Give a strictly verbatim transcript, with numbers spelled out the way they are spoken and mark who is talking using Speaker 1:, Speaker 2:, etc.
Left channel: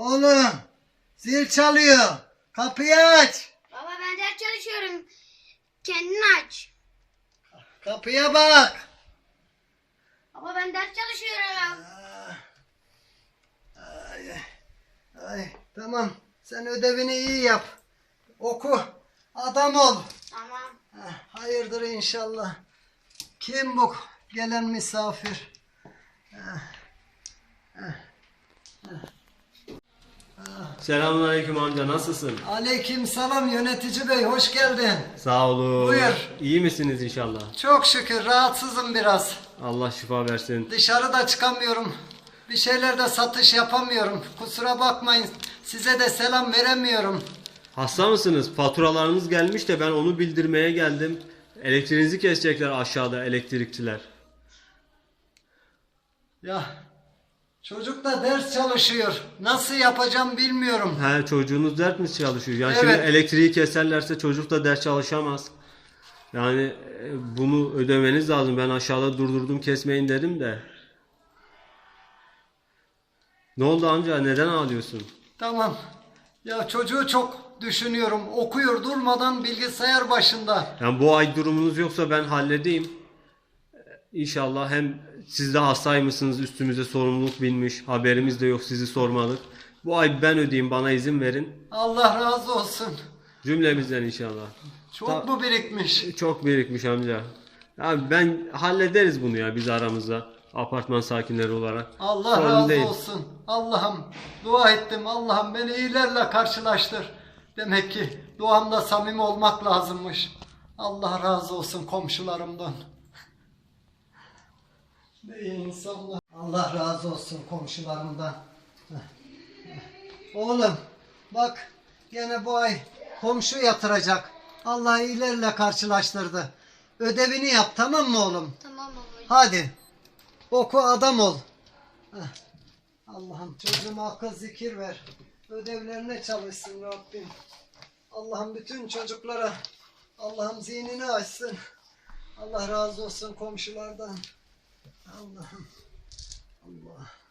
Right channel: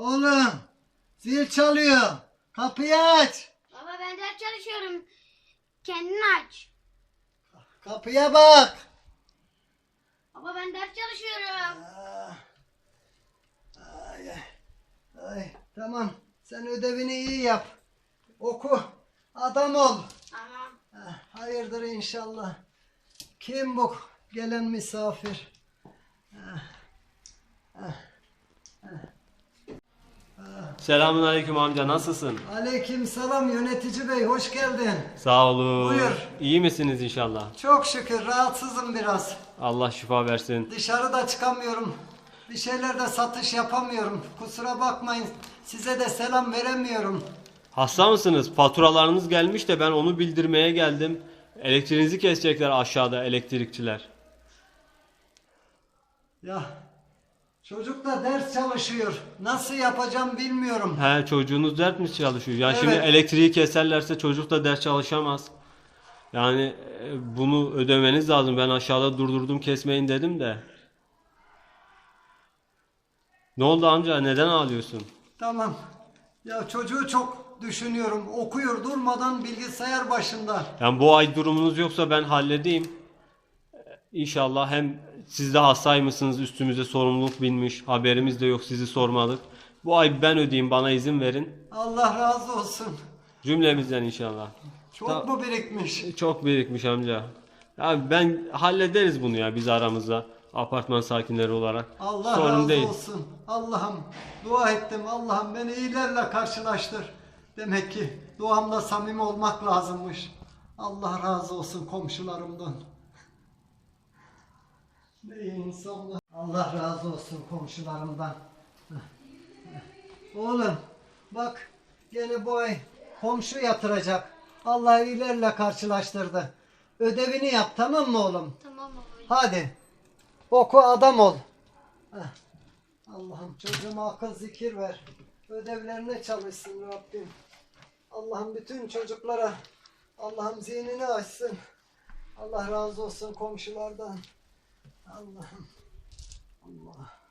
Speaker 1: Oğlum, zil çalıyor. Kapıyı aç.
Speaker 2: Baba ben ders çalışıyorum. Kendin aç.
Speaker 1: Kapıya bak.
Speaker 2: Baba ben ders çalışıyorum.
Speaker 1: Ay, ay, tamam. Sen ödevini iyi yap. Oku. Adam ol.
Speaker 2: Tamam.
Speaker 1: Ha, hayırdır inşallah. Kim bu gelen misafir?
Speaker 3: Selamünaleyküm amca, nasılsın?
Speaker 1: Aleyküm selam yönetici bey, hoş geldin.
Speaker 3: Sağ olun.
Speaker 1: Buyur.
Speaker 3: İyi misiniz inşallah?
Speaker 1: Çok şükür rahatsızım biraz.
Speaker 3: Allah şifa versin.
Speaker 1: Dışarıda çıkamıyorum. Bir şeylerde satış yapamıyorum. Kusura bakmayın. Size de selam veremiyorum.
Speaker 3: Hasta mısınız? Faturalarınız gelmiş de ben onu bildirmeye geldim. Elektriğinizi kesecekler aşağıda elektrikçiler.
Speaker 1: Ya çocuk da ders çalışıyor. Nasıl yapacağım bilmiyorum.
Speaker 3: He, çocuğunuz dert mi çalışıyor? Yani şimdi
Speaker 1: Evet.
Speaker 3: elektriği keserlerse çocuk da ders çalışamaz. Yani e, bunu ödemeniz lazım. Ben aşağıda durdurdum, kesmeyin dedim de. Ne oldu amca? Neden ağlıyorsun?
Speaker 1: Tamam. Ya çocuğu çok düşünüyorum. Okuyor durmadan bilgisayar başında.
Speaker 3: Yani bu ay durumunuz yoksa ben halledeyim. İnşallah hem siz de hastaymışsınız, üstümüze sorumluluk binmiş, haberimiz de yok, sizi sormadık. Bu ay ben ödeyeyim, bana izin verin.
Speaker 1: Allah razı olsun.
Speaker 3: Cümlemizden inşallah.
Speaker 1: Çok
Speaker 3: Ta-
Speaker 1: mu birikmiş?
Speaker 3: Çok birikmiş amca. Ya ben hallederiz bunu ya biz aramızda. Apartman sakinleri olarak.
Speaker 1: Allah
Speaker 3: Sorun
Speaker 1: razı
Speaker 3: değil.
Speaker 1: olsun. Allah'ım dua ettim. Allah'ım beni iyilerle karşılaştır. Demek ki duamda samimi olmak lazımmış. Allah razı olsun komşularımdan. Ne iyi insanlar. Allah razı olsun komşularımdan. Oğlum bak gene bu ay komşu yatıracak. Allah iyilerle karşılaştırdı. Ödevini yap tamam mı oğlum?
Speaker 2: Tamam baba.
Speaker 1: Hadi. Oku adam ol. Heh. Allah'ım çocuğuma akıl zikir ver. Ödevlerine çalışsın Rabbim. Allah'ım bütün çocuklara Allah'ım zihnini açsın. Allah razı olsun komşulardan. Allah'ım. Allah.